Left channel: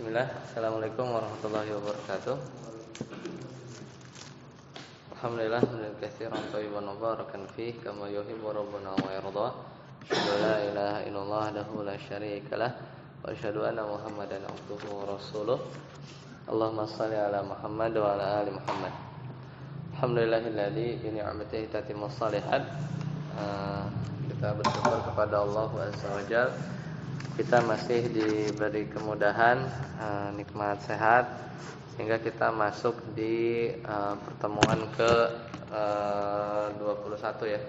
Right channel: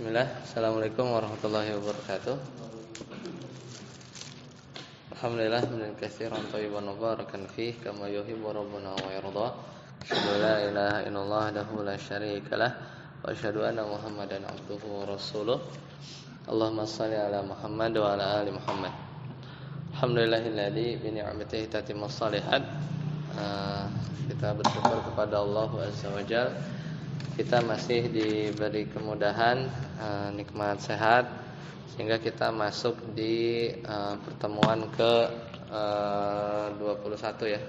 Bismillah. Assalamualaikum warahmatullahi wabarakatuh. Alhamdulillah min katsiran thayyiban mubarakan fih kama yuhibbu rabbuna wa yarda. Asyhadu la ilaha illallah wahdahu la syarika lah wa asyhadu anna Muhammadan abduhu wa rasuluh. Allahumma shalli ala Muhammad wa ala ali Muhammad. Alhamdulillahilladzi bi ni'matihi tatimmus shalihat. Kita bersyukur kepada Allah Azza wa Jalla. Kita masih diberi kemudahan, nikmat sehat, sehingga kita masuk di pertemuan ke 21 ya.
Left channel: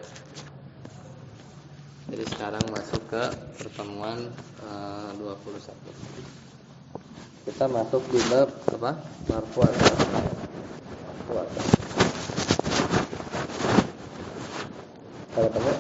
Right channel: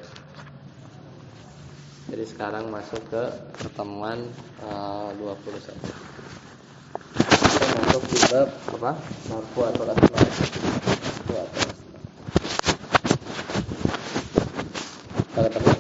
Jadi sekarang masuk ke pertemuan 21. Kita masuk di bab apa? Marfu atau asma. Kalau tanya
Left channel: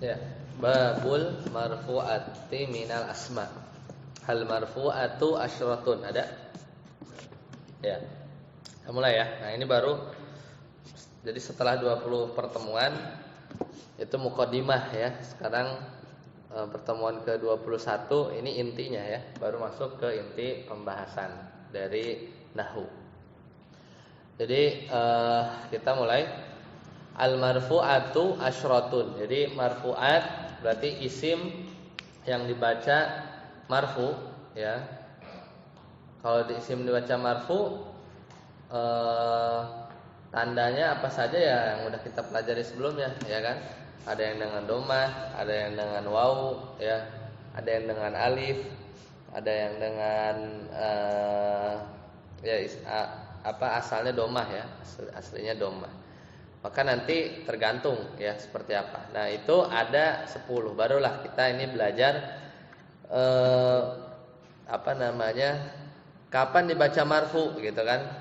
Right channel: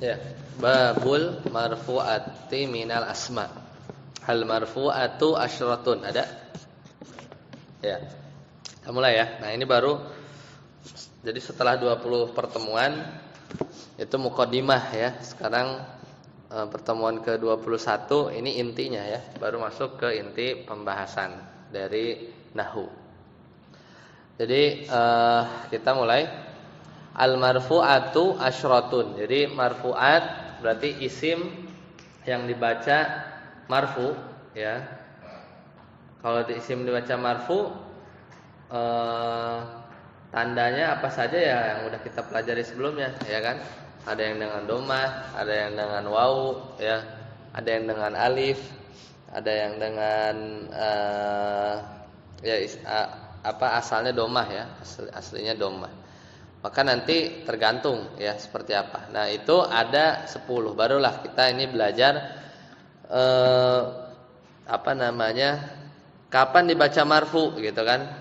ya, babul marfu'ati minal asma. Hal marfu'atu asyratun. Ada? Ya. Kita mulai ya. Nah, ini baru. Jadi setelah 20 pertemuan itu muqaddimah ya. Sekarang pertemuan ke-21 ini intinya ya. Baru masuk ke inti pembahasan dari nahwu. Jadi kita mulai. Al-marfu'atu asyratun. Jadi marfu'at berarti isim yang dibaca marfu ya. Kalau di isim dibaca marfu tandanya apa saja ya yang udah kita pelajari sebelumnya ya kan? Ada yang dengan domah, ada yang dengan wawu ya, ada yang dengan alif, ada yang dengan asalnya domah ya, aslinya domah. Maka nanti tergantung ya seperti apa. Nah itu ada 10. Barulah kita ini belajar kapan dibaca marfu gitu kan.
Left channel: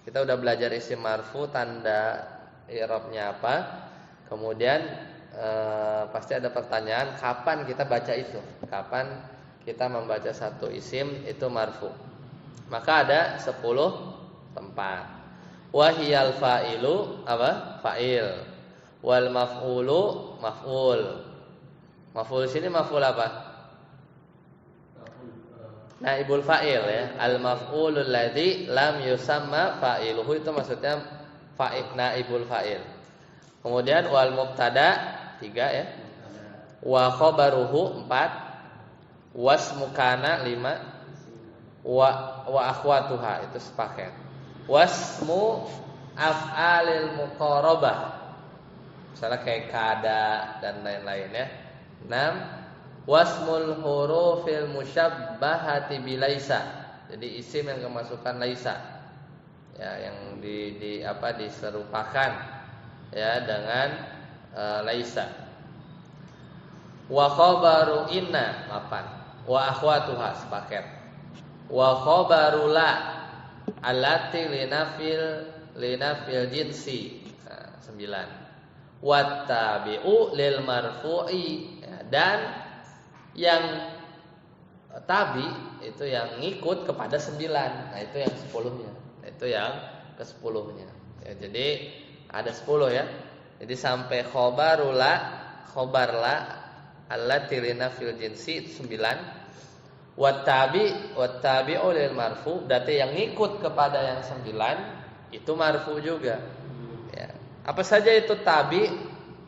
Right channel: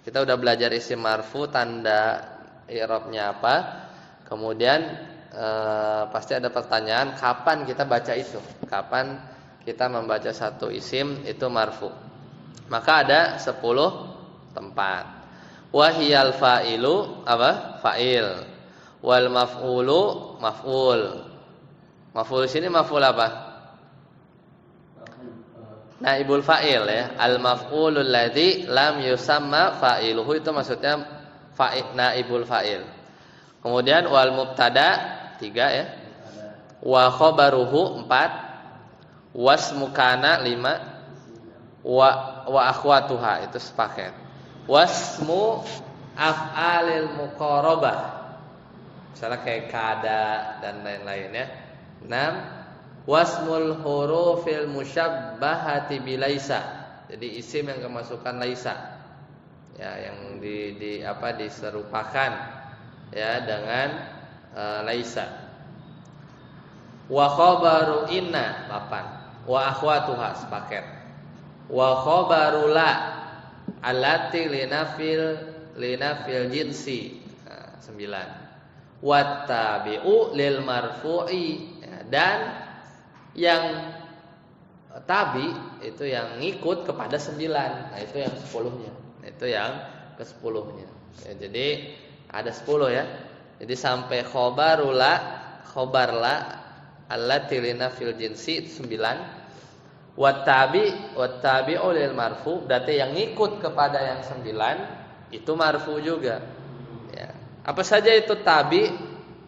Kita udah belajar isim marfu, tanda i'rabnya apa. Kemudian pasti ada pertanyaan kapan kita baca itu. Kapan kita membaca satu isim itu marfu. Maka ada 10 tempat. Wahiyal fa'ilu apa? Fa'il. Wal maf'ulu maf'ul. Maf'ul sini maf'ul apa? Naibul fa'il ya. Al maf'ulul ladzi lam yusamma fa'iluhu itu maksudnya fa'il naibul fa'il. Kemudian wal mubtada 3 ya. Wa khabaruhu 4. Wasmukana 5. Wa akhwatuha itu sepaket. Wasmu af'alil muqarabah. Misalnya kayak kada dan lain-lain ya. 6. Wasmul hurufil musyabbahati bilaisa. Jadi isim yang kemasukan laisa. Ya, yang diserupakan ya dengan laisa. Wa khabaru inna 8. Wa akhwatuha sepaket. Wa khabaru la allati linafil jinsi 9. Wattabi'u lil marfu'i dan yang tabi itu yang ngikut kepada 9. Nah itu yang 10-nya. Itu yang ke-10-nya ya, jadi ada 10 ya. Jadi sampai khobar la allati linafil jinsi 9. Wattabi'u lil marfu berarti yang ngikut kepada yang 9 itu marfu juga ya. Apa saja itu tabi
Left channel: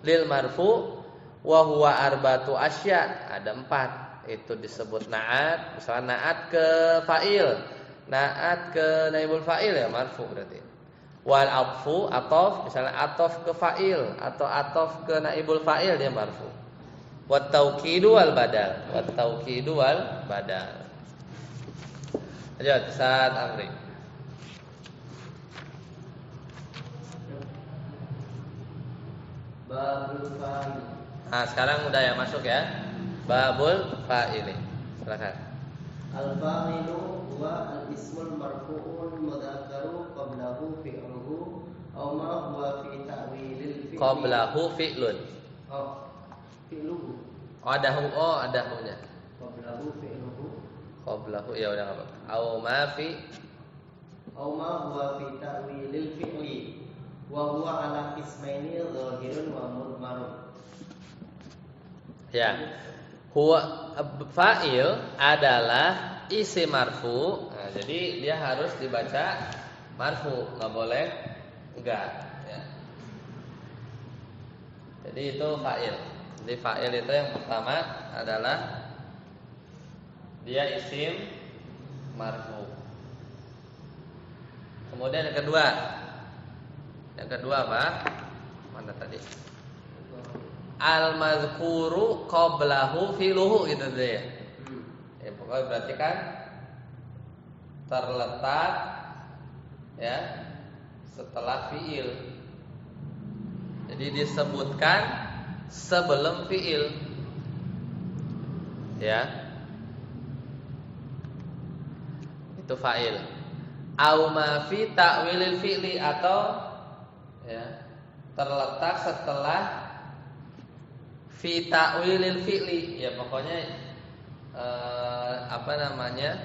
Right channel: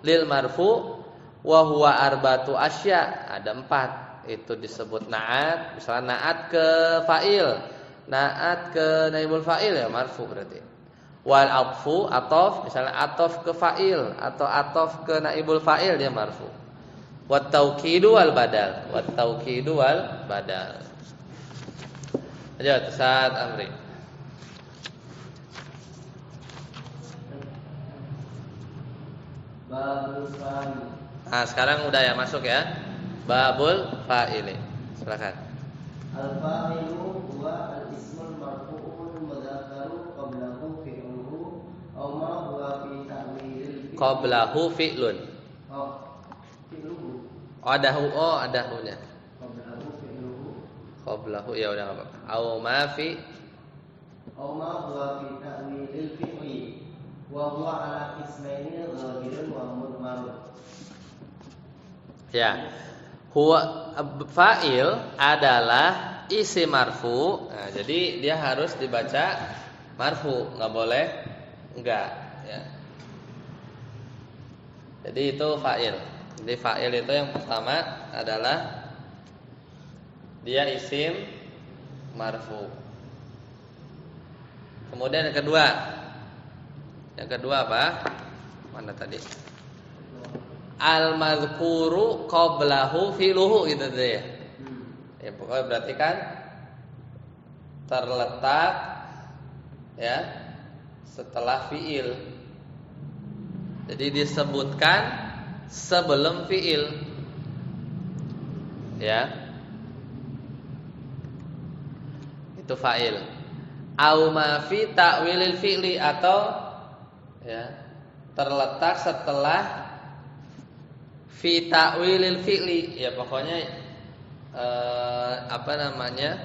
lil marfu? Wa huwa arbatu asya, ada 4. Itu disebut na'at. Misalnya na'at ke fa'il, na'at ke naibul fa'il ya marfu berarti. Wal atfu atof, misalnya atof ke fa'il atau atof ke naibul fa'il dia marfu. Wat tauqidu wal badal. Wat tauqidu wal badal. Ayo Ustaz Amri. Bab Nah, sekarang udah ya masuk ya. Babul fa'ili. Silakan. Al-fa'ilu wa al-ismul marfu'un mudhakkaru qablahu fi'luhu aw ma huwa fi ta'wilil fi'li. Qablahu fi'lun. Oh, fi'luhu. Ada hunya. Qablahu fi'luhu. Qablahu ya udah enggak apa-apa. Aw ma huwa fi ta'wilil fi'li wa huwa ala qismaini dhahirun wa mudmarun. Ya. Huwa fa'il adalah isim marfu. Nah, jadi dia harus dibaca marfu, enggak boleh enggak ya. Jadi itu fa'il. Jadi fa'il itu yang pertama adalah dia isim marfu. Kemudian yang kedua apa? Mana tadi? Al-madhkuru qablahu fi'luhu gitu deh. Ya pokoknya berarti kan terletak ya setelah fi'il. Jadi disebutkan sebelum fi'il. Ya. Itu fa'il. Au ma fi ta'wilil fi'li atau ya terletak setelah fi ta'wilil fi'li, ya pokoknya apa namanya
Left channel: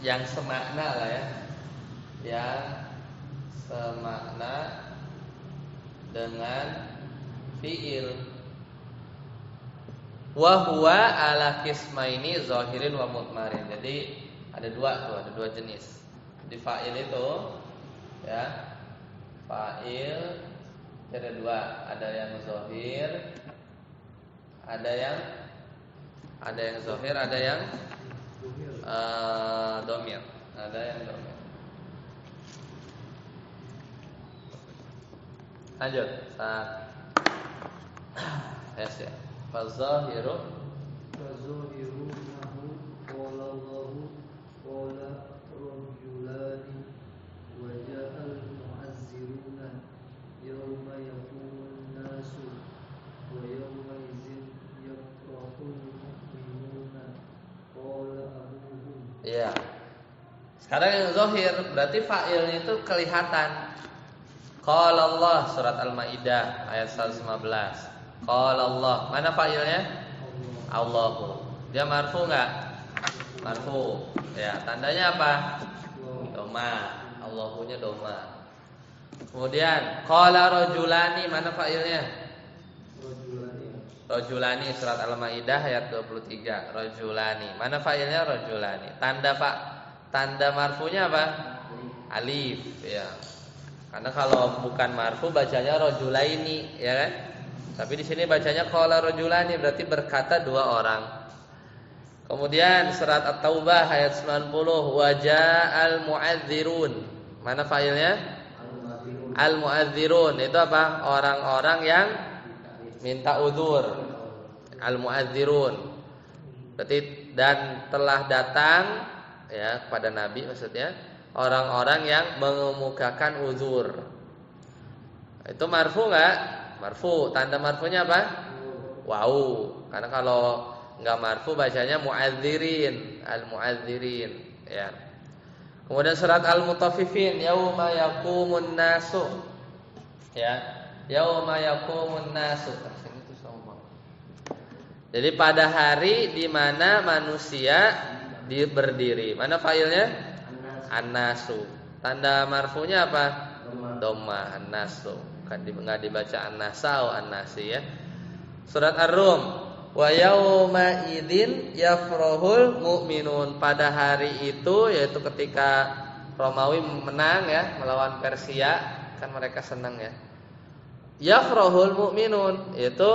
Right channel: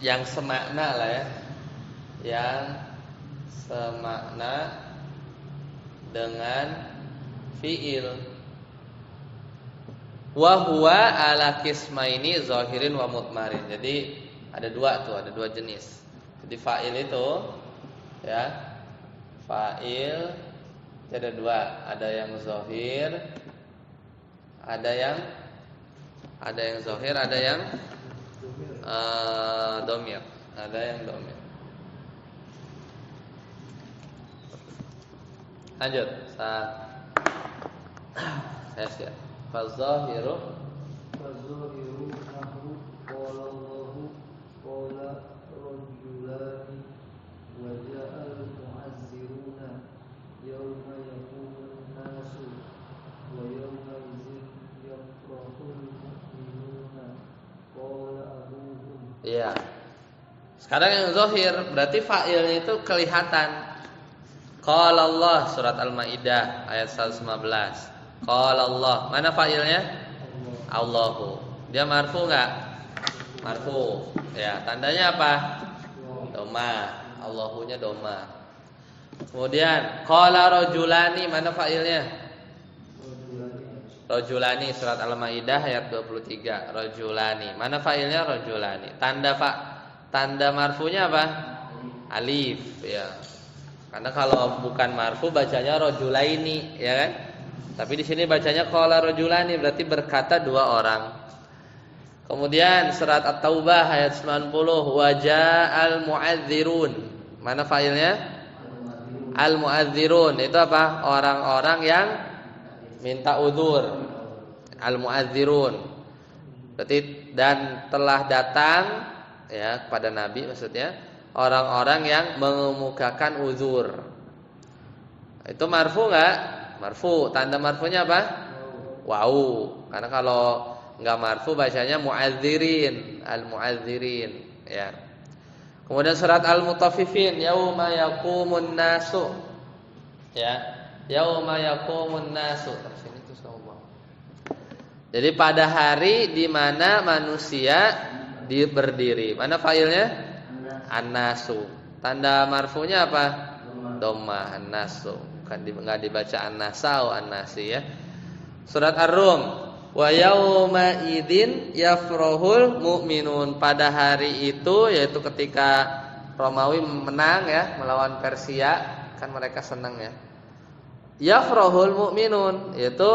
yang semakna lah ya, yang semakna dengan fi'il. Wa huwa ala qismaini zahirin wa mudmarin. Jadi ada dua jenis. Jadi fa'il itu ya, fa'il ada dua, ada yang zahir, ada yang zahir, ada yang dhamir, ada yang dhamir. Lanjut. Yes ya. Fazahiru nahu qala Allahu qala rajulani wa ja'al mu'azziruna yawma yaqumun nasu wa yawma idzin yafrahul mu'minuna qala abuhum. Iya. Sekarang yang zahir berarti fa'ilnya itu kelihatan. Qala Allah surat Al-Maidah ayat 115. Qala Allah. Mana fa'ilnya? Allahu. Dia marfu enggak? Marfu. Ya, tandanya apa? Doma. Allahunya doma. Kemudian qala rajulani, mana fa'ilnya? Rajulani surat Al-Maidah ayat 23. Rajulani. Mana fa'ilnya? Rajulani. Tanda marfunya apa? Alif, ya. Karena kalau bukan marfu bacanya rajulaini, ya kan? Tapi di sini bacanya qala rajulani, berarti berkata dua orang. Kemudian surat At-Taubah ayat 90, wa ja'al mu'adzirun. Mana fa'ilnya? Al-mu'adzirun. Itu apa? Orang-orang yang minta udzur. Al-mu'adzirun. Berarti dan telah datang ya kepada Nabi, maksudnya orang-orang yang mengemukakan uzur. Itu marfu enggak? Marfu. Tanda marfunya apa? Wau. Karena kalau enggak marfu bacanya mu'adzirin, al-mu'adzirin, ya. Kemudian surat Al-Mutaffifin, yauma yaqumun nasu. Ya. Yauma yaqumun nasu. Tersini itu sama. Jadi pada hari di mana manusia berdiri. Mana fa'ilnya? An-nasu. Tanda marfunya apa? Dhamma, an-nasu. Kan enggak dibaca an-nasau, an-nasi ya. Surat Ar-Rum, wa yauma idzin yafrahul mu'minun. Pada hari itu, yaitu ketika Romawi menang ya melawan Persia, kan mereka senang ya. Yafrahul mu'minun, yaitu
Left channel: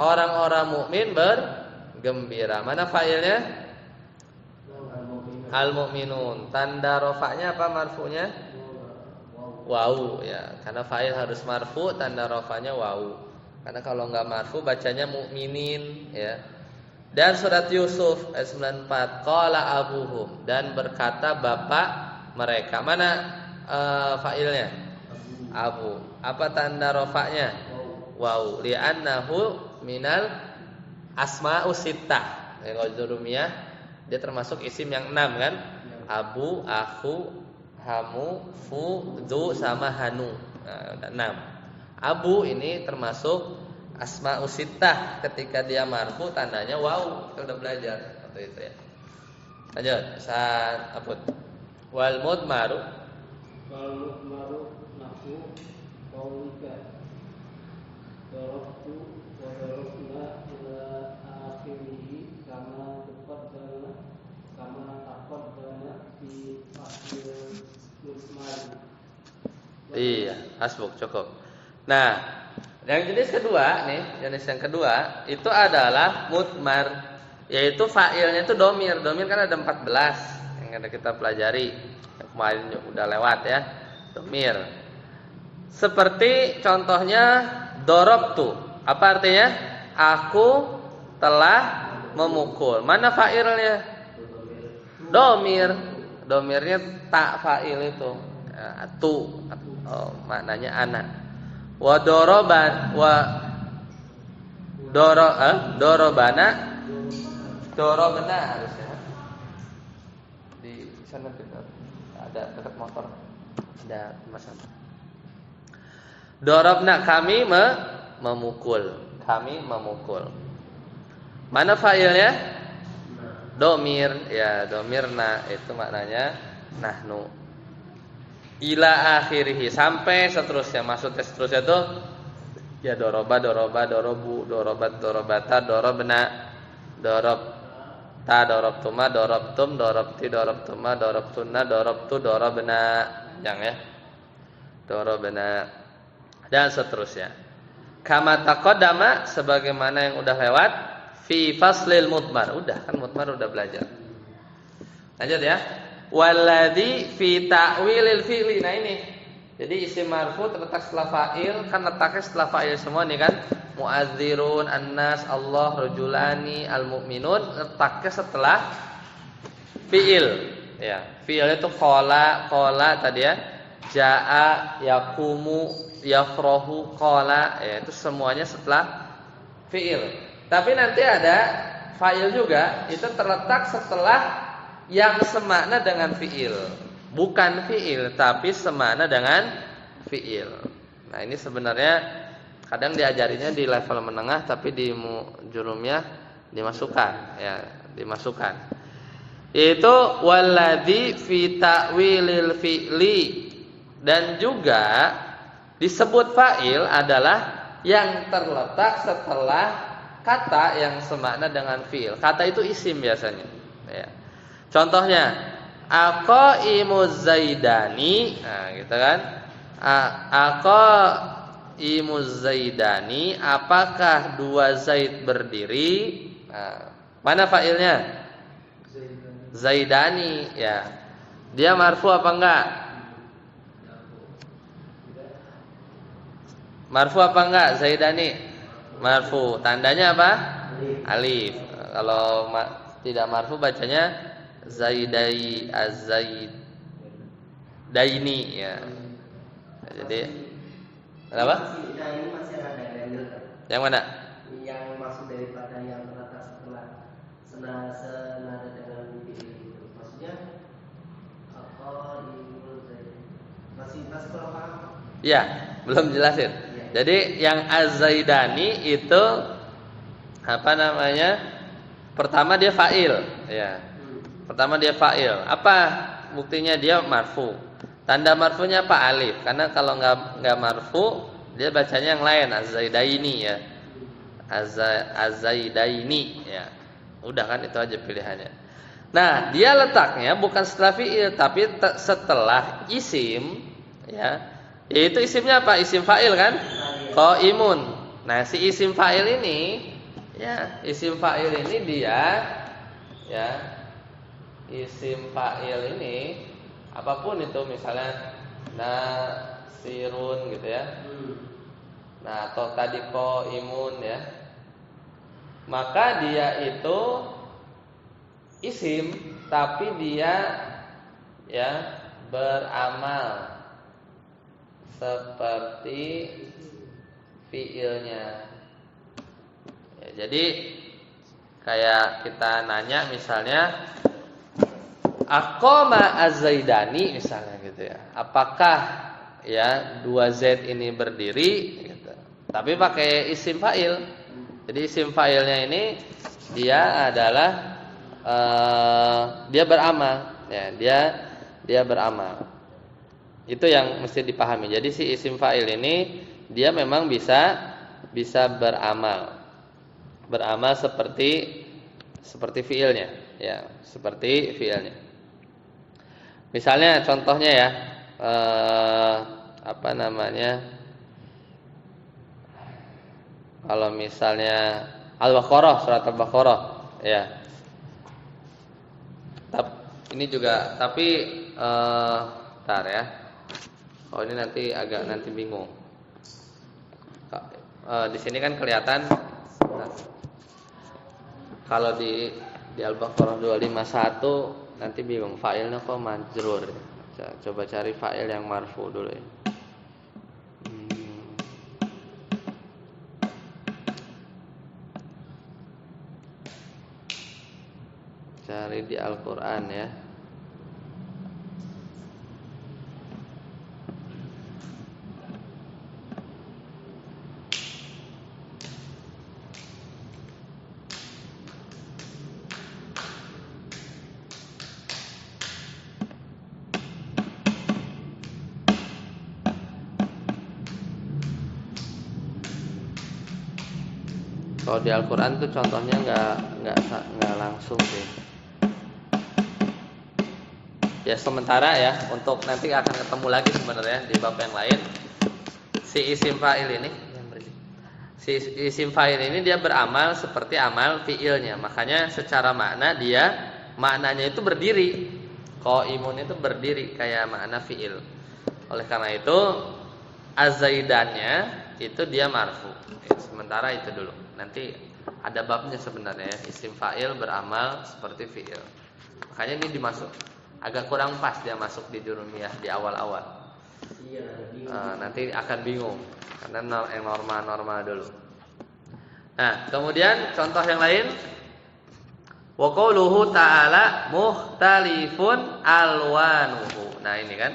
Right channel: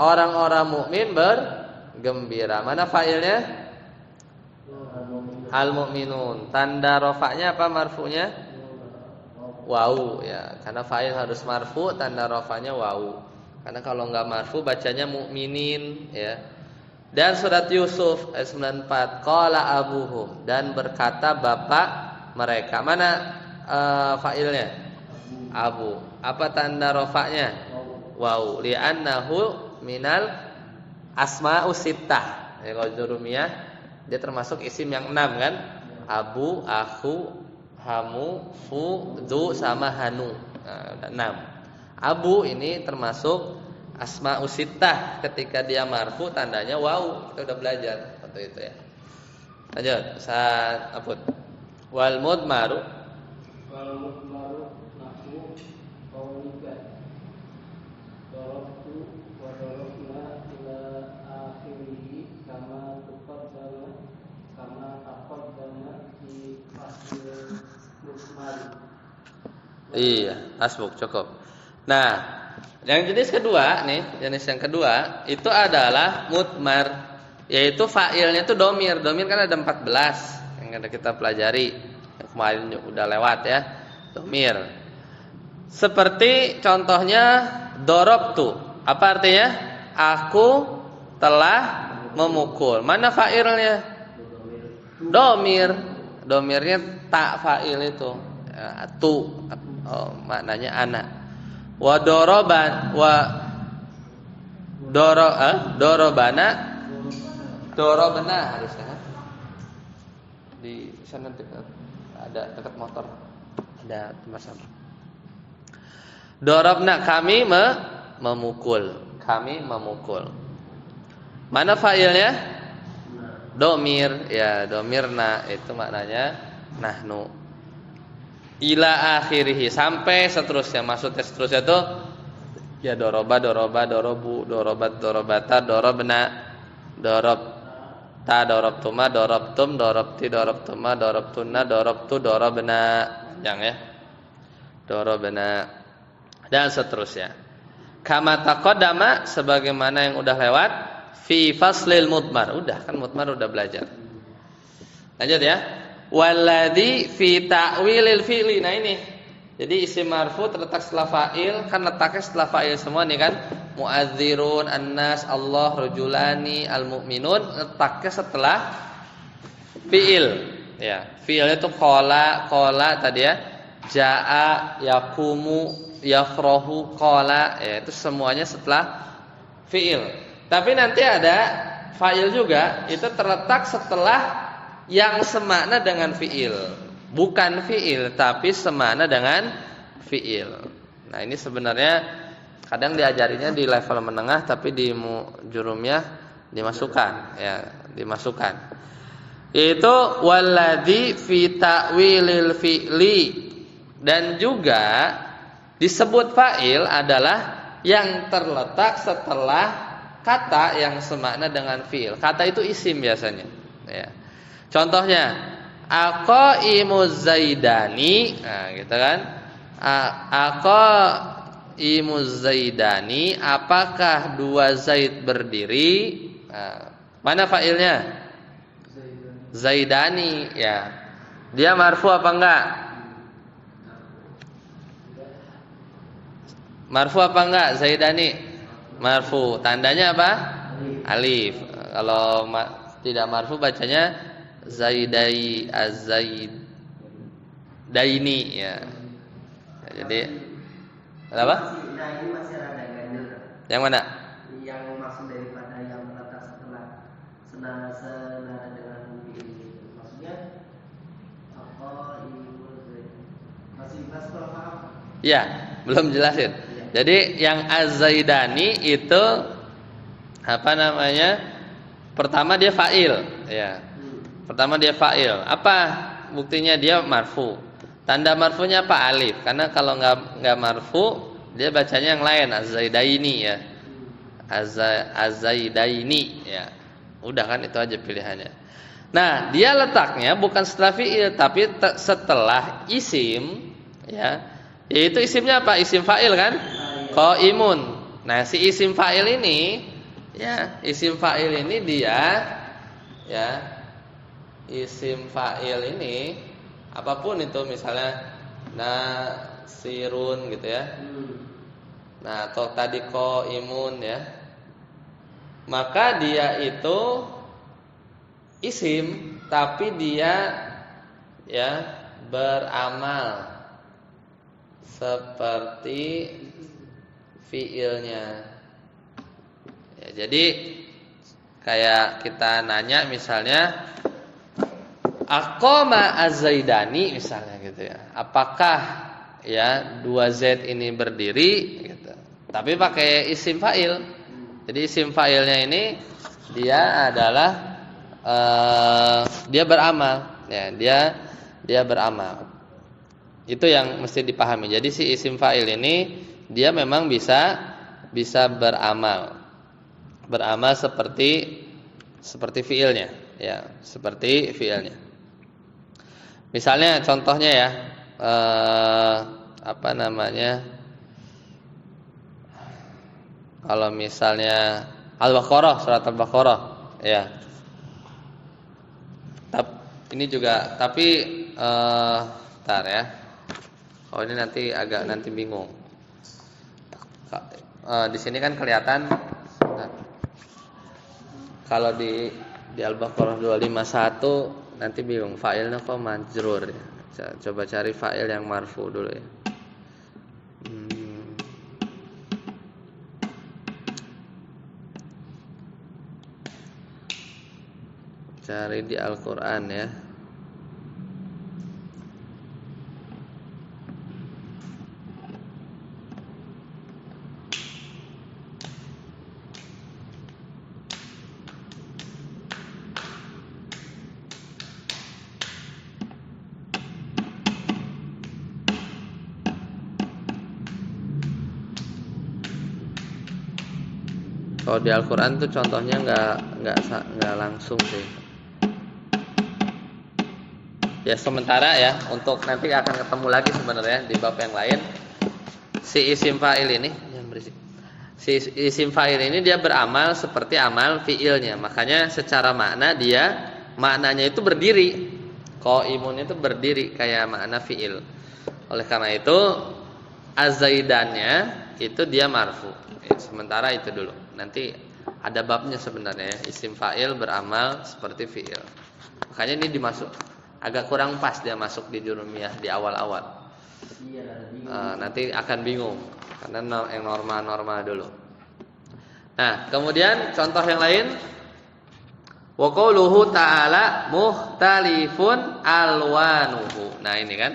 orang-orang mukmin bergembira. Mana fa'ilnya? Al-mu'minun. Tanda rafa'nya apa marfu'nya? Wau ya, karena fa'il harus marfu, tanda rafa'nya wau. Karena kalau enggak marfu bacanya mu'minin ya. Dan surat Yusuf ayat 94, qala abuhum, dan berkata bapak mereka. Mana fa'ilnya? Abu. Apa tanda rafa'nya? waw li'annahu minal asma'us sittah. Kalau jurumiyah dia termasuk isim yang 6 kan? Abu, aku, hamu, fu, du sama hanu. Nah, 6. Abu ini termasuk asma'us sittah, ketika dia marfu tandanya waw. Kita udah belajar waktu itu ya. Lanjut, saat aput. Wal mudmaru nahwu qaulika darabtu wa darabna ila akhirih kama taqaddama fi faslil mudmar. Iya, hasbuk cukup. Nah, yang jenis kedua nih, jenis yang kedua itu adalah mudmar, yaitu fa'ilnya itu domir. Domir kan ada 14 yang ada kita pelajari. Yang kemarin udah lewat ya. Domir. Seperti contohnya dorobtu. Apa artinya? Aku telah memukul. Mana fa'ilnya? Domir. Domirnya tak fa'il itu. Ya, tu. Maknanya anak. Wa doroban dorobana harusnya di sana dekat ada dekat motor ada tempat sampah. Dorobna kami memukul. Mana fa'ilnya? Domir. Ya, domirna itu maknanya nahnu. Ila akhirih sampai seterusnya. Maksudnya seterusnya itu ya doroba, dorobu, dorobat, dorobata, dorobna, dorobta, dorobtuma, dorobtum, dorobti, dorobtuma, dorobtuna, dorobtu, dorobna, yang ya, dorobna, dan seterusnya. Kama taqaddama sebagaimana yang udah lewat fi faslil mudmar. Udah kan mudmar udah belajar. Lanjut ya. Walladzi fi ta'wilil fi'li. Nah ini. Jadi isim marfu terletak setelah fa'il, kan letaknya setelah fa'il semua nih kan. Mu'adzirun, annas, Allah, rajulani, almu'minun, letaknya setelah fi'il. Ya, fi'il itu qala tadi ya. Jaa, yaqumu, yafrahu, qala, ya itu semuanya setelah fi'il. Tapi nanti ada fa'il juga, itu terletak setelah yang semakna dengan fi'il. Bukan fi'il tapi semakna dengan fi'il. Nah, ini sebenarnya kadang diajarinya di level menengah tapi di jurumiyah dimasukkan ya, dimasukkan. Yaitu walladzi fi ta'wilil fi'li, dan juga disebut fa'il adalah yang terletak setelah kata yang semakna dengan fi'il. Kata itu isim biasanya ya. Contohnya aqaimuz zaidani, nah gitu kan. Aqaimuz zaidani, apakah dua Zaid berdiri? Nah, mana fa'ilnya? Zaidani ya. Dia marfu apa enggak? Marfu apa enggak Zaidani? Marfu. Tandanya apa? Alif. Kalau tidak marfu bacanya Zaidai Az-Zaidaini ya. Jadi kenapa? Nah, ini masih rada gandul. Yang mana? Yang maksud daripada yang terletak setelah senada dengan fi'il itu. Maksudnya masih kurang paham? Ya, belum jelasin. Jadi yang Az-Zaidani itu apa namanya? Pertama dia fa'il ya. Pertama dia fa'il. Apa buktinya dia marfu? Tanda marfunya apa? Alif. Karena kalau enggak marfu, dia bacanya yang lain, Az-Zaidaini ya. Az-Zaidaini ya. Udah kan itu aja pilihannya. Nah, dia letaknya bukan setelah fi'il tapi setelah isim ya. Yaitu isimnya apa? Isim fa'il kan? Qaimun. Nah, si isim fa'il ini ya, isim fa'il ini dia ya, isim fa'il ini apapun itu, misalnya nasirun gitu ya. Nah, atau tadi qaimun ya. Maka dia itu isim tapi dia ya beramal seperti fiilnya. Ya, jadi kayak kita nanya misalnya aqama az-zaidani misalnya gitu ya. Apakah ya 2Z ini berdiri gitu. Tapi pakai isim fa'il. Jadi isim fa'ilnya ini dia adalah dia beramal ya, dia beramal. Itu yang mesti dipahami. Jadi si isim fa'il ini dia memang bisa beramal. Beramal seperti fiilnya ya, seperti fiilnya. Misalnya contohnya ya apa namanya? Kalau misalnya Al-Baqarah, surat Al-Baqarah ya. Ini juga tapi ntar ya. Oh ini nanti bingung. Di sini kan kelihatan kalau di Al-Baqarah 251 nanti bingung fa'ilnya kok majrur. Coba cari fa'il yang marfu dulu ya. Cari di Al-Qur'an ya. Kalau di Al-Qur'an tuh contohnya nggak langsung tuh. Ya sementara ya, untuk nanti akan ketemu lagi sebenarnya di bab yang lain. Si isim fa'il ini, si isim fa'il ini dia beramal seperti amal fiilnya. Makanya secara maknanya itu berdiri. Qaimun itu berdiri kayak makna fiil. Oleh karena itu az-zaidannya itu dia marfu. Sementara itu dulu. Nanti ada babnya sebenarnya isim fa'il beramal seperti fiil. Makanya ini dimasuk agak kurang pas dia masuk di jurumiyah di awal-awal. Nanti akan bingung karena yang normal-normal dulu. Nah, kemudian contoh yang lain wa qauluhu ta'ala mukhtalifun alwanuhu. Nah, ini kan.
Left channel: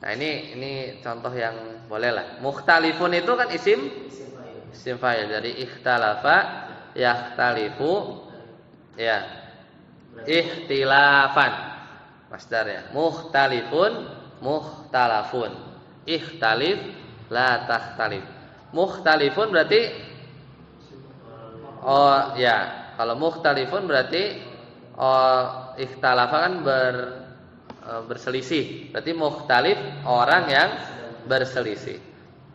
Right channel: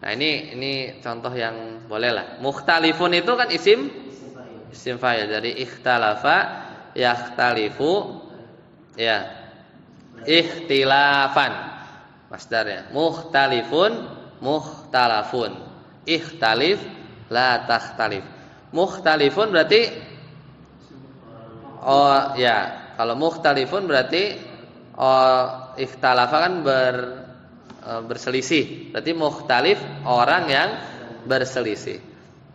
Nah, ini contoh yang boleh lah. Mukhtalifun itu kan isim fa'il. Jadi ikhtalafa yakhtalifu ya. Ikhtilafan masdarnya. Mukhtalifun mukhtalafun. Ikhtalif la takhtalif. Mukhtalifun berarti ya, kalau mukhtalifun berarti ikhtalafa kan berselisih. Berarti mukhtalif orang yang berselisih.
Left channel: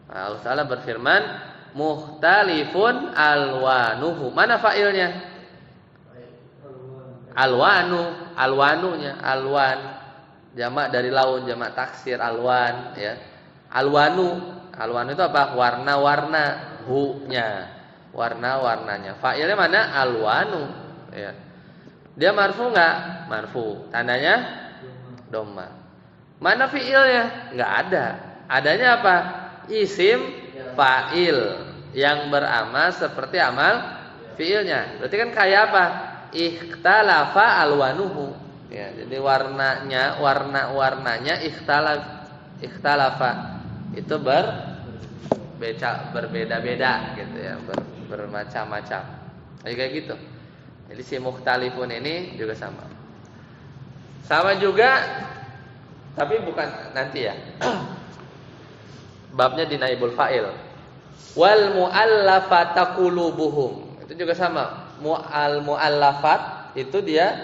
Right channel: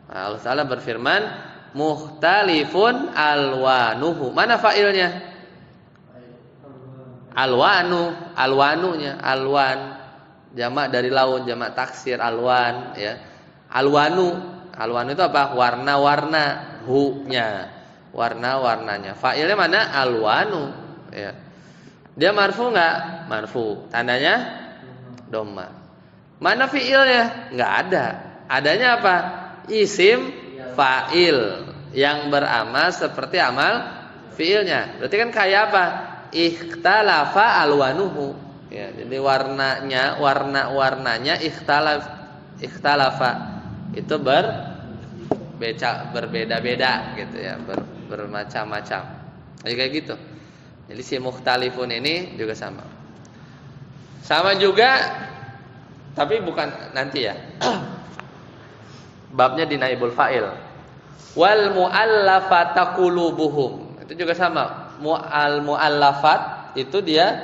Nah, Allah Ta'ala berfirman mukhtalifun alwanuhu. Mana fa'ilnya? Alwanunya, alwan jamak dari laun, jamak taksir alwan ya. Alwanu itu apa? Warna-warna, hu-nya. Warna-warnanya. Fa'ilnya mana? Alwanu ya. Dia marfu enggak? Marfu. Tandanya dhamma. Mana fi'ilnya? Enggak ada. Adanya apa? Isim fa'il yang beramal seperti amal fi'ilnya. Berarti kan kayak apa? Ikhtalafa alwanuhu ya, jadi warna-warnanya ikhtalafa itu berbeda-beda gitu ya, bermacam-macam. Kayak gitu. Jadi si mukhtalifun ini juga sama juga, tapi bukan nanti ya. Babnya di naibul fa'il. Wal mu'allafata qulubuhum. Itu juga sama. Mu'allafat itu dia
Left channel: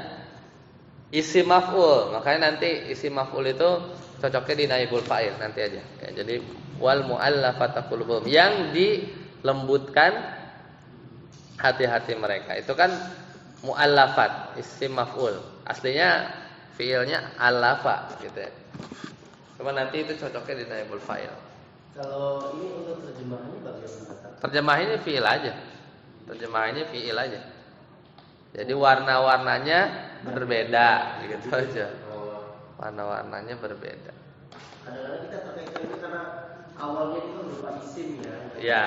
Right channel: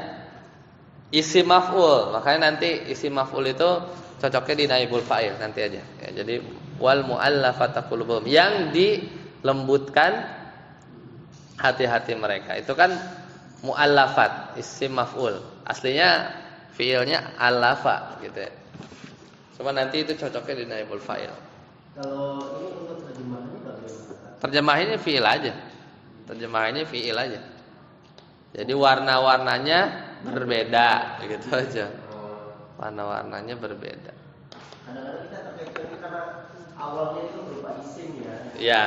isim maf'ul. Makanya nanti isim maf'ul itu cocoknya di naibul fa'il nanti aja. Ya, jadi wal mu'allafata qulubuhum, yang dilembutkan hati-hati mereka. Itu kan mu'allafat, isim maf'ul. Aslinya fiilnya alafa gitu ya. Cuma nanti itu cocoknya di naibul fa'il. Kalau ini untuk terjemahannya bagaimana? Terjemahannya fiil aja. Jadi warna-warnanya berbeda, gitu aja. Warna-warnanya berbeda. Kadang-kadang kita terkait karena awalnya itu berupa isim ya. Ya,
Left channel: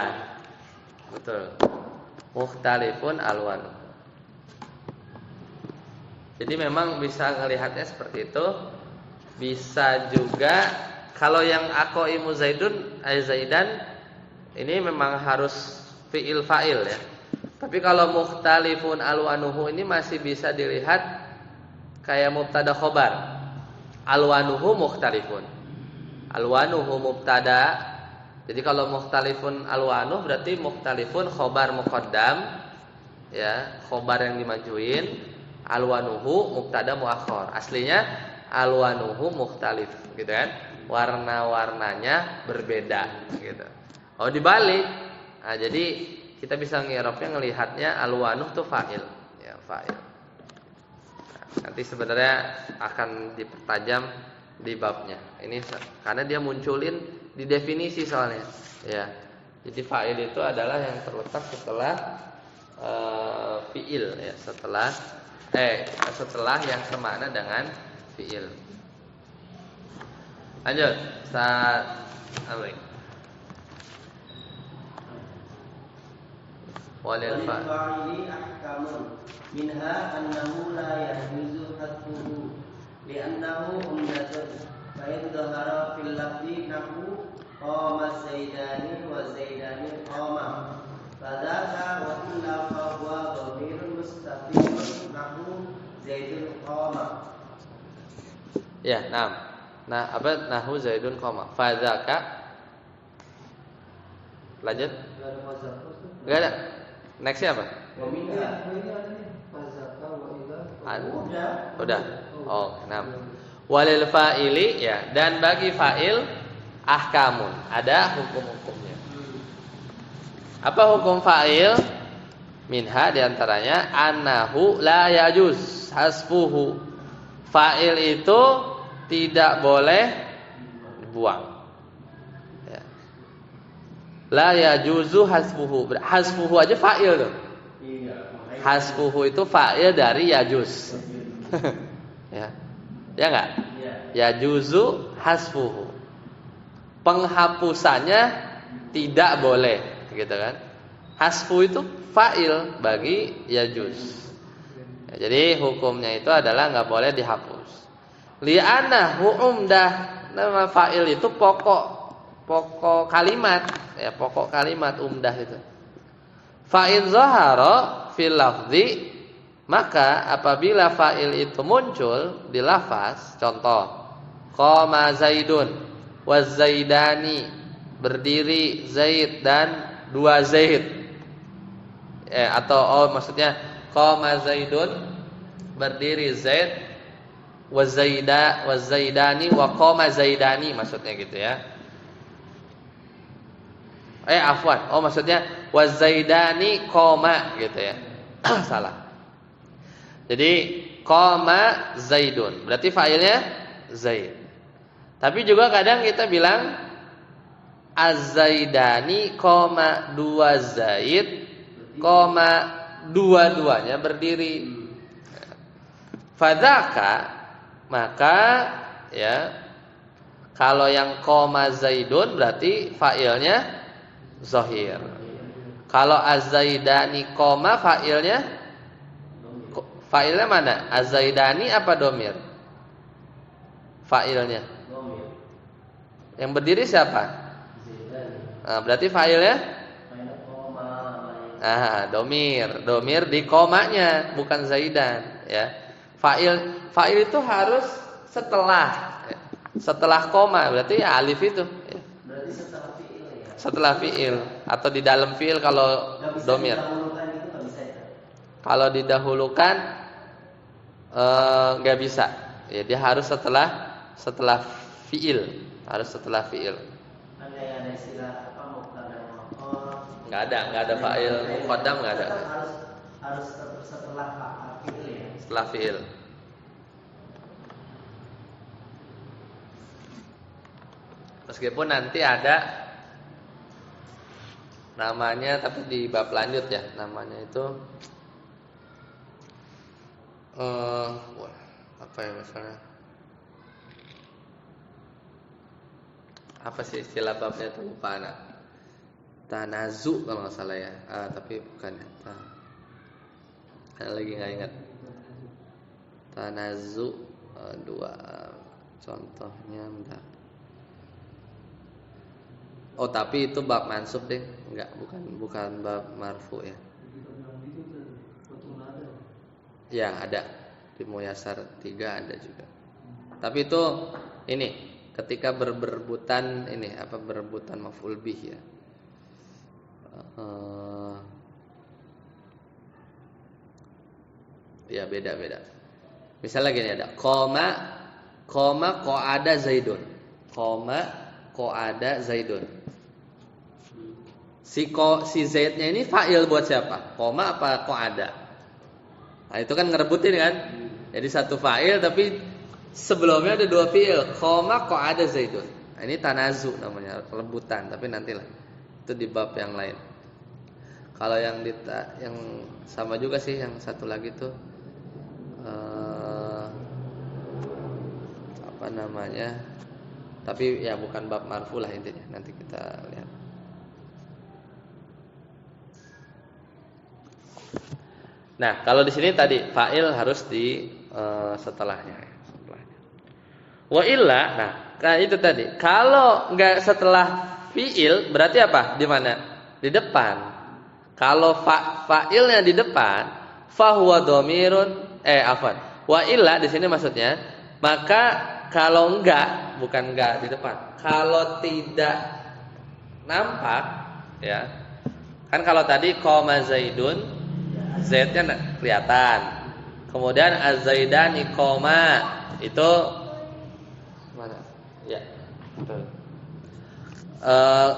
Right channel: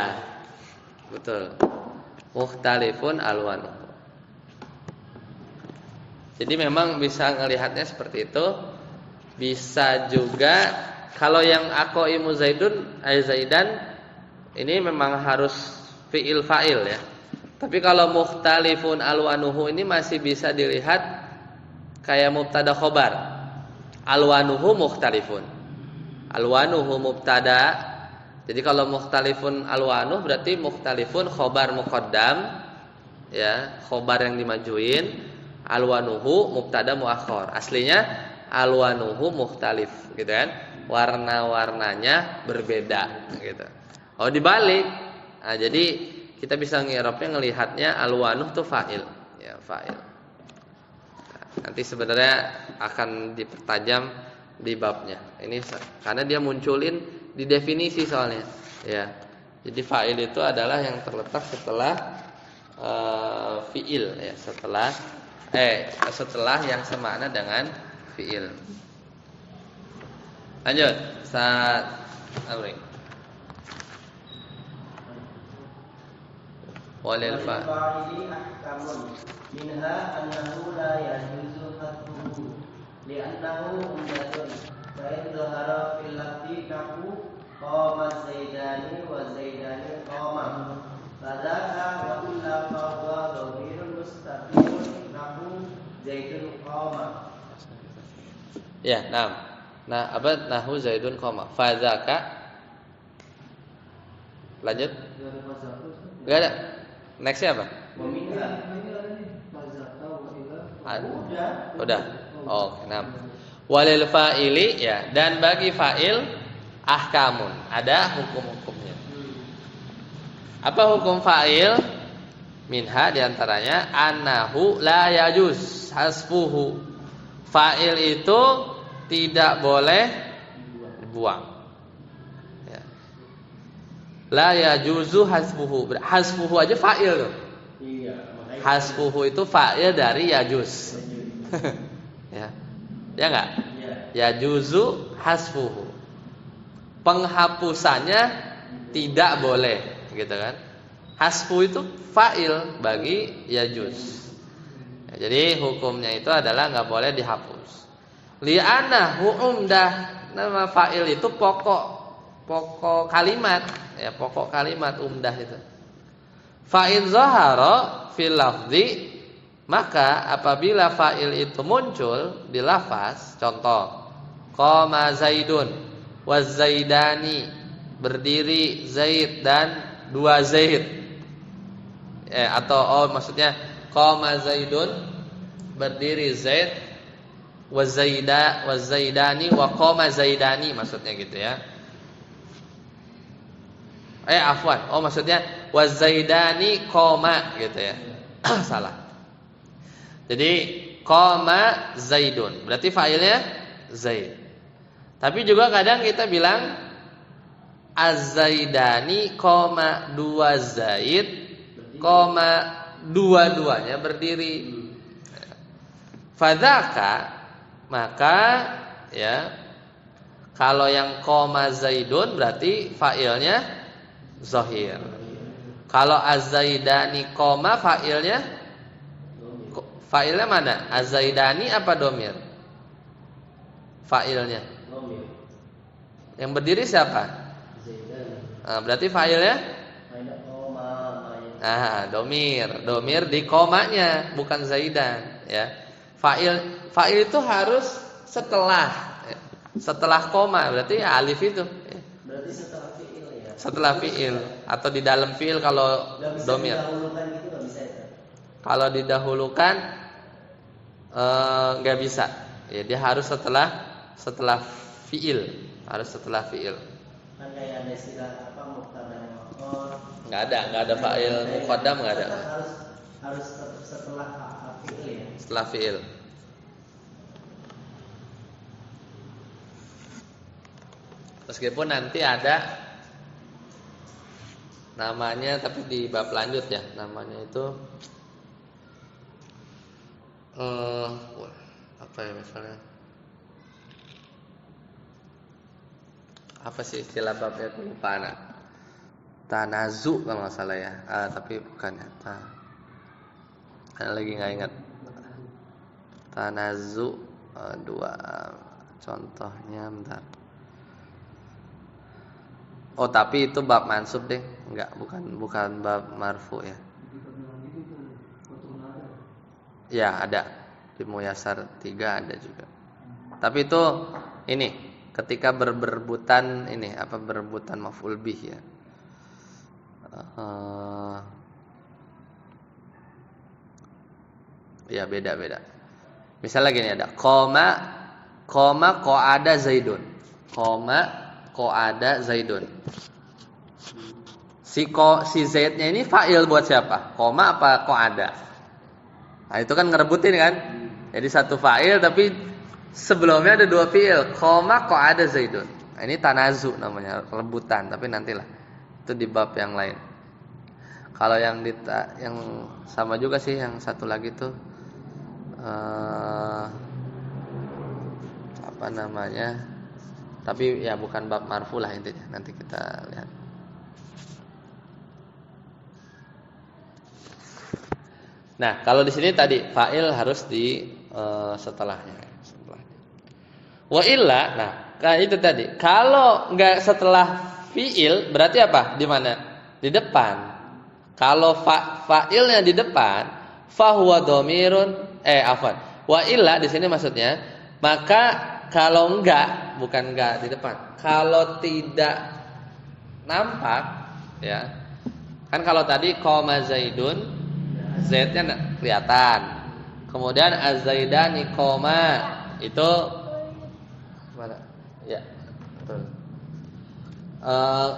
betul. Mukhtalifun alwanuhu. Jadi memang bisa ngelihatnya seperti itu. Bisa juga kalau yang aqaimu zaidun ay zaidan ini memang harus fiil fa'il ya. Tapi kalau mukhtalifun alwanuhu ini masih bisa dilihat kayak mubtada khobar. Alwanuhu mukhtalifun. Alwanuhu mubtada. Jadi kalau mukhtalifun alwanuh berarti mukhtalifun khobar muqaddam ya, khobar yang dimajuin. Alwanuhu mubtada muakhar. Aslinya alwanuhu mukhtalif gitu kan. Warna-warnanya berbeda gitu. Oh dibalik. Nah, jadi kita bisa ngirapnya ngelihatnya alwanuh tuh fa'il ya, fa'il. Nanti sebenarnya akan dipertajam di babnya. Ini karena dia munculin di definisi soalnya ya. Jadi fa'il itu adalah yang terletak setelah fi'il ya, setelah yang semakna dengan fi'il. Lanjut, saat amri. Walil fa'ili ahkamun minha annahu la yajuzu hadduhu li'annahu umdatun fa in dhahara fil lafzi nahu qama zaidani wa zaidani qama fadzaka wa illa fa huwa dhamirun mustaqilun nahu zaidun qama. Ya, nah apa nahu zaidun qama fadzaka. Lanjut. Enggak ada. Nextnya apa? Udah. Oh, nah. Walil fa'ili ya, dan bagi fa'il ahkamun, ada hukum-hukumnya. Apa hukum fa'il? Minha diantaranya annahu la yajuz hasfuhu. Fa'il itu tidak boleh dibuang. La yajuzu hasfuhu. Hasfuhu aja fa'il tuh. Hasfuhu itu fa'il dari yajuz. Ya. Ya enggak? Yajuzu hasfuhu. Penghapusannya tidak boleh, gitu kan? Hasfu itu fa'il bagi yajuz. Ya, jadi hukumnya itu adalah enggak boleh dihapus. Li'annahu umdah. Nama fa'il itu pokok kalimat ya, pokok kalimat umdah itu. Fa in zahara fil lafzi, maka apabila fa'il itu muncul di lafaz, contoh qama zaidun wa zaidani, berdiri Zaid dan dua Zaid atau maksudnya qama zaidun, berdiri Zaid wa zaidani wa qama zaidani, maksudnya gitu ya. Afwan. Oh maksudnya wazaidani koma gitu ya. Salah. Jadi koma zaidun. Berarti fa'ilnya Zaid. Tapi juga kadang kita bilang az-zaidani koma dua Zaid koma dua-duanya berdiri. Fadzaka, maka ya, kalau yang koma zaidun berarti fa'ilnya zahir. Kalau az-zaidani koma fa'ilnya mana? Az-zaidani apa domir? Fa'ilnya. Yang berdiri siapa? Nah, berarti fa'ilnya domir di komanya, bukan zaidan ya. Fa'il itu harus setelah koma, berarti ya alif itu ya. Setelah fi'il atau di dalam fi'il kalau domir. Kalau didahulukan nggak bisa. Ya, dia harus setelah fi'il, harus setelah fi'il. Nggak ada fa'il muqaddam, nggak ada. Harus setelah fi'il ya. Setelah fi'il. Meskipun nanti ada namanya, tapi di bab lanjut ya, namanya itu apa ya misalnya, Apa sih istilah babnya itu lupa anak. Tanazu kalau nggak salah ya. Tapi bukan ya. Anak lagi nggak ingat. Tanazu dua contohnya bentar. Oh tapi itu bab mansub deh, enggak bukan bab marfu ya. Ya ada di Muyasar 3 ada juga. Tapi itu ini ketika berebutan ini apa berebutan maf'ul bih ya. Ya beda. Misalnya gini ada koma qa'ada Zaidun. Qa'ada Zaidun. Si Zaidnya ini fa'il buat siapa? Koma apa qa'ada? Nah, itu kan ngerebutin kan? Jadi satu fa'il tapi sebelumnya ada dua fi'il. Qoma qa'ada Zaidun. Nah, ini tanazu namanya, rebutan, tapi nantilah. Itu di bab yang lain. Kalau yang sama juga sih yang satu lagi tuh apa namanya? Tapi ya bukan bab marfu lah intinya. Nanti kita lihat. Nah, kalau di sini tadi fa'il harus di setelahnya. Wa illa, nah, kayak itu tadi. Kalau enggak setelah fi'il berarti apa? Di mana? Di depan. Kalau fa'ilnya di depan, fa huwa dhamirun wa illa di sini maksudnya, maka kalau bukan enggak di depan. Kalau tidak nampak ya. Kan kalau tadi qoma Zaidun, Zaidnya kelihatan. Kemudian az-Zaidani qoma itu mana? Ya, betul.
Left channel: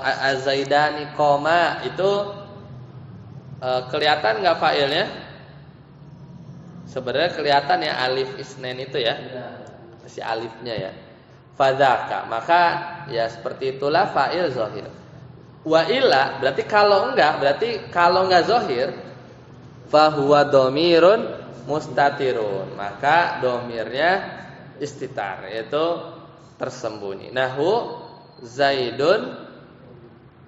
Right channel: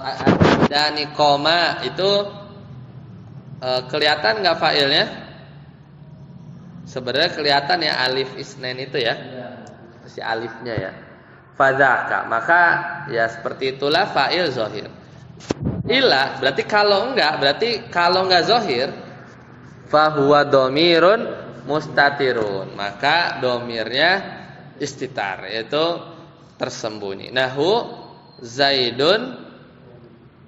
Az-Zaidani qoma itu kelihatan enggak fa'ilnya? Sebenarnya kelihatan ya alif isnain itu ya. Si alifnya ya. Fadzaka, maka ya seperti itulah fa'il zahir. Wa illa berarti kalau enggak zahir, fa huwa dhamirun mustatirun, maka dhamirnya istitar yaitu tersembunyi. Nahu Zaidun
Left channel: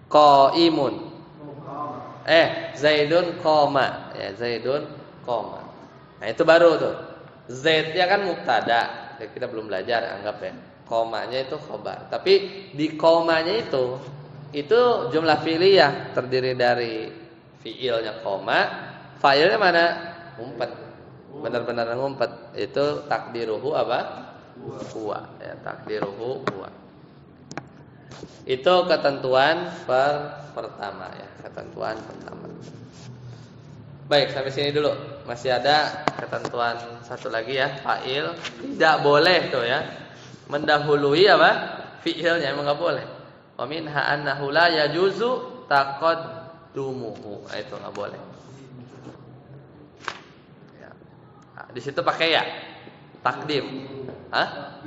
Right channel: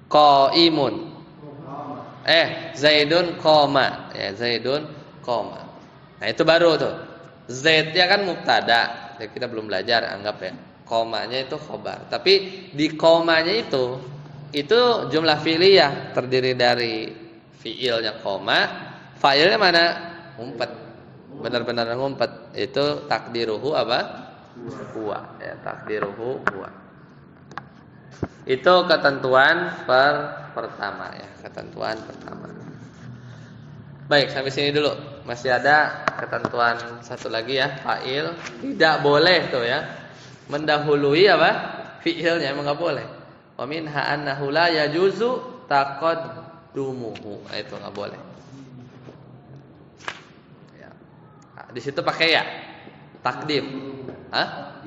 qaimun. Zaidun qoma. Ya, Zaidun qoma. Nah, itu baru tuh. Zaidnya kan mubtada. Kita belum belajar, anggap ya. Komanya itu khobar. Tapi di komanya itu jumlah fi'liyah terdiri dari fi'ilnya koma, fa'ilnya mana? Ngumpet. Benar-benar ngumpet. Itu takdiruhu apa? Huwa. Ya, takdiruhu huwa. Itu ketentuan pertama ya, ketentuan pertama. Baik, sampai sini dulu. Masih ada ketentuan satu lagi ya, fa'il tidak boleh tuh ya mendahului apa? Fi'ilnya emang enggak boleh. Wa minha annahu la yajuzu taqaddumuhu. Itu enggak boleh. Ya. Di situ pakai ya. Takdim. Hah?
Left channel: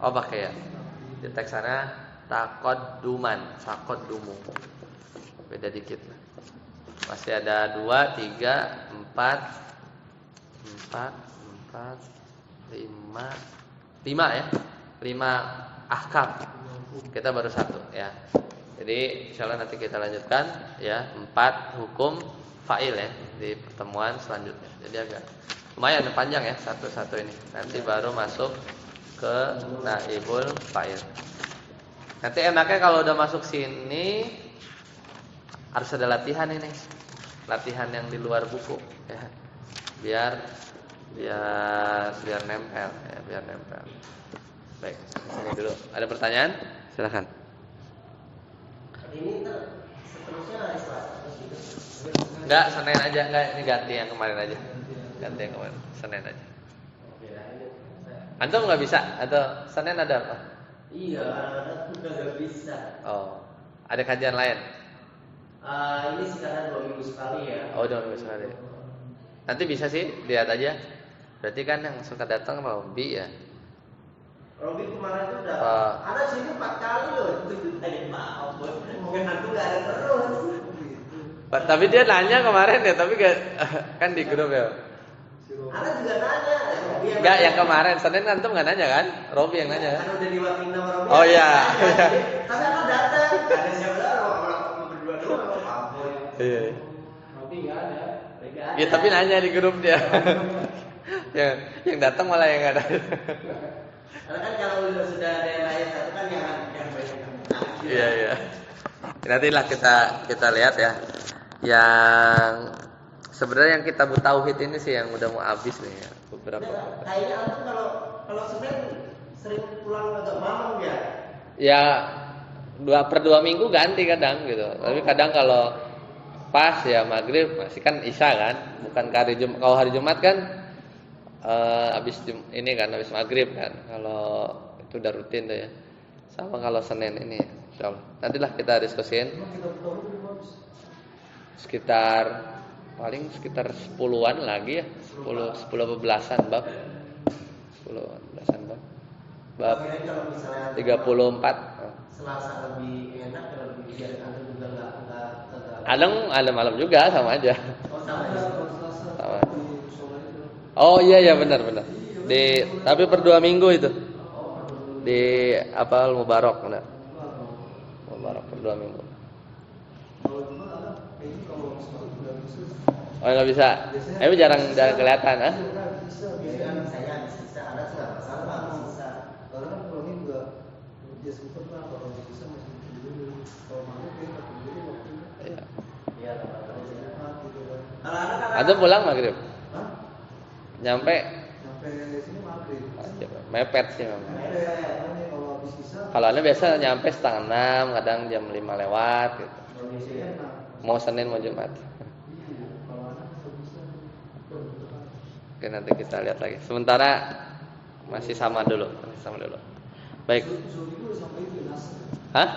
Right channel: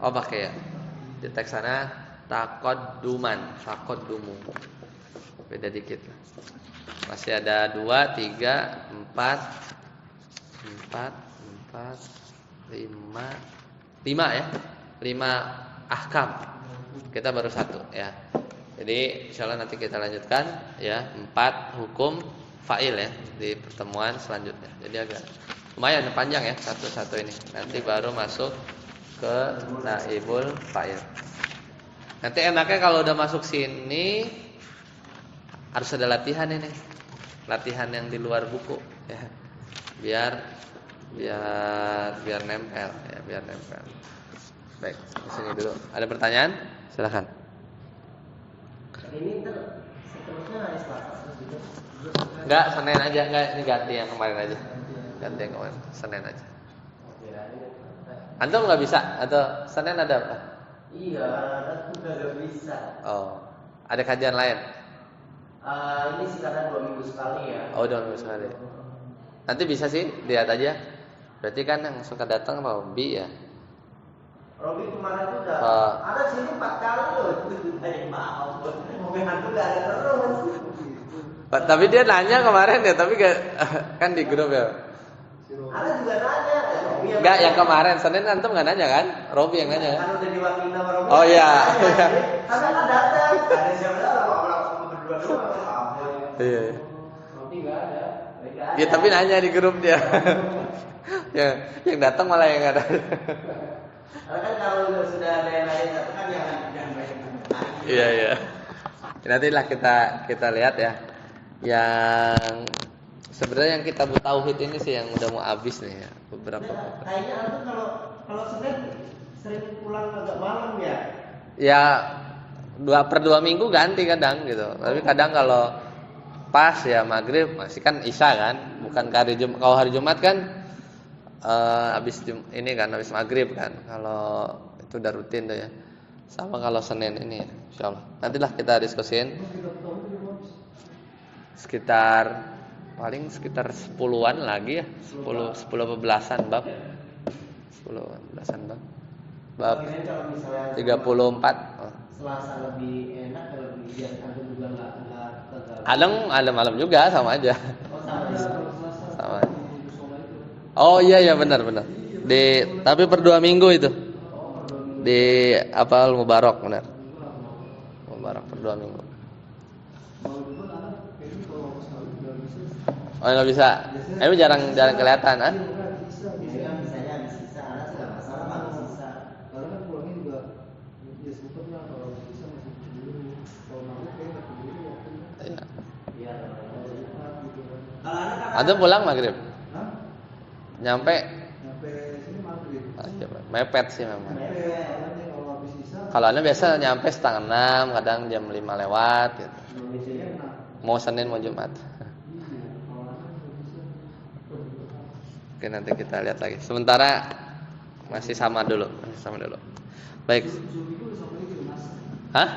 Oh, pakai ya. Di teks sana taqadduman, taqaddumu. Beda dikit. Masih ada 2, 3, 4, 5 ya. 5 ahkam. Kita baru 1 ya. Jadi insyaallah nanti kita lanjutkan ya 4 hukum fa'il ya di pertemuan selanjutnya. Jadi agak lumayan panjang ya satu-satu ini. Nanti baru masuk ke naibul fa'il. Nanti enaknya kalau udah masuk sini harus ada latihan ini. Latihan yang di luar buku ya. Biar nempel ya, biar nempel. Baik, misalnya dulu. Ada pertanyaan? Silakan. Ini seterusnya hari Selasa gitu. Enggak, Senin aja, enggak ini ganti yang kemarin aja. Ganti yang kemarin, Senin aja. Antum enggak bisa atau Senin ada apa? Iya, kadang-kadang enggak bisa. Oh, ada kajian lain? Ini sih kadang 2 minggu sekali ya. Oh, 2 minggu sekali. Nanti bisa sih, lihat aja. Berarti kan yang suka datang Robi ya. Robi kemarin tuh udah ada sini 4 kali loh. Maaf, mungkin hantu gak ada terus. Tapi dia nanya kemarin ya, tapi kan di grup ya. Ada juga nanya, Robi Enggak, yang kemarin Senin antum nggak nanya kan? Robi yang nanya kan? Kan udah diwakilin sama Robi. Oh iya. Tapi kan datang. Ada siapa tahu orang berdua doang apa. Iya. Robi enggak ada. Mereka ada. Ya tapi nanya di grup dia. yang datang malah yang nggak ada. Karena kan kalau sudah ada yang lain satu kan jangan banyak. Iya. Nantilah kita lihat ya. Yang sebenarnya yang kita tauhid ini sih yang udah mau habis nih ya, beberapa. Kayaknya antum kalau Senin sering pulang agak malam ya. Ya 2/2 minggu ganti kadang gitu. Tapi kadang kalau pas ya maghrib masih kan isya kan, bukan hari Jumat. Kalau hari Jumat kan habis ini kan habis maghrib kan. Kalau itu udah rutin tuh ya. Sama kalau Senin ini insyaallah. Nantilah kita diskusin. Paling sekitar 10-an lagi ya. 10 apa belasan bab. 10-an belasan bab. Bab 34. Selasa lebih enak kalau lebih biar antum juga enggak Ada malam juga sama aja. Oh sama ya. Sama. Oh iya benar. Tapi per 2 minggu itu. Di apa Mubarak benar. Mubarak per 2 minggu. Oh nggak bisa. Emang jarang kelihatan ah? Antum pulang maghrib? Nyampe sini maghrib. Mepet sih memang. Kalau anda biasa nyampe 5:30, kadang jam 5 lewat gitu. Mau Senin mau Jumat. Oke nanti kita lihat lagi. Sementara masih sama dulu. Baik. Hah?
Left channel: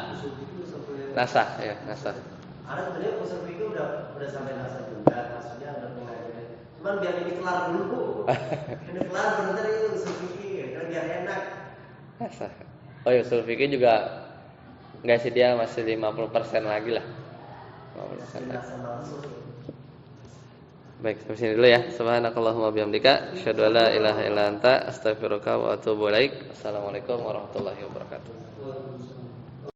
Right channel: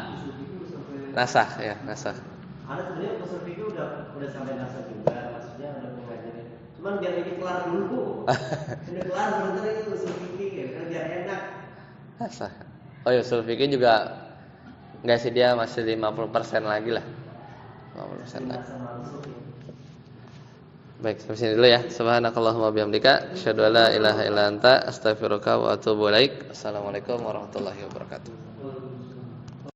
Nasah ya, nasah. Ada sebenarnya usul itu udah sampai nasab juga, maksudnya udah mengajarin. Cuman biar ini kelar dulu. Ini kelar benar itu usul fikih kan biar enak. Nasah. Oh ya usul fikih juga enggak sih dia masih 50% lagi lah. 50% lagi. Baik, sampai sini dulu ya. Subhanakallahumma bihamdika asyhadu an la ilaha illa anta astaghfiruka wa atubu ilaik. Assalamualaikum warahmatullahi wabarakatuh.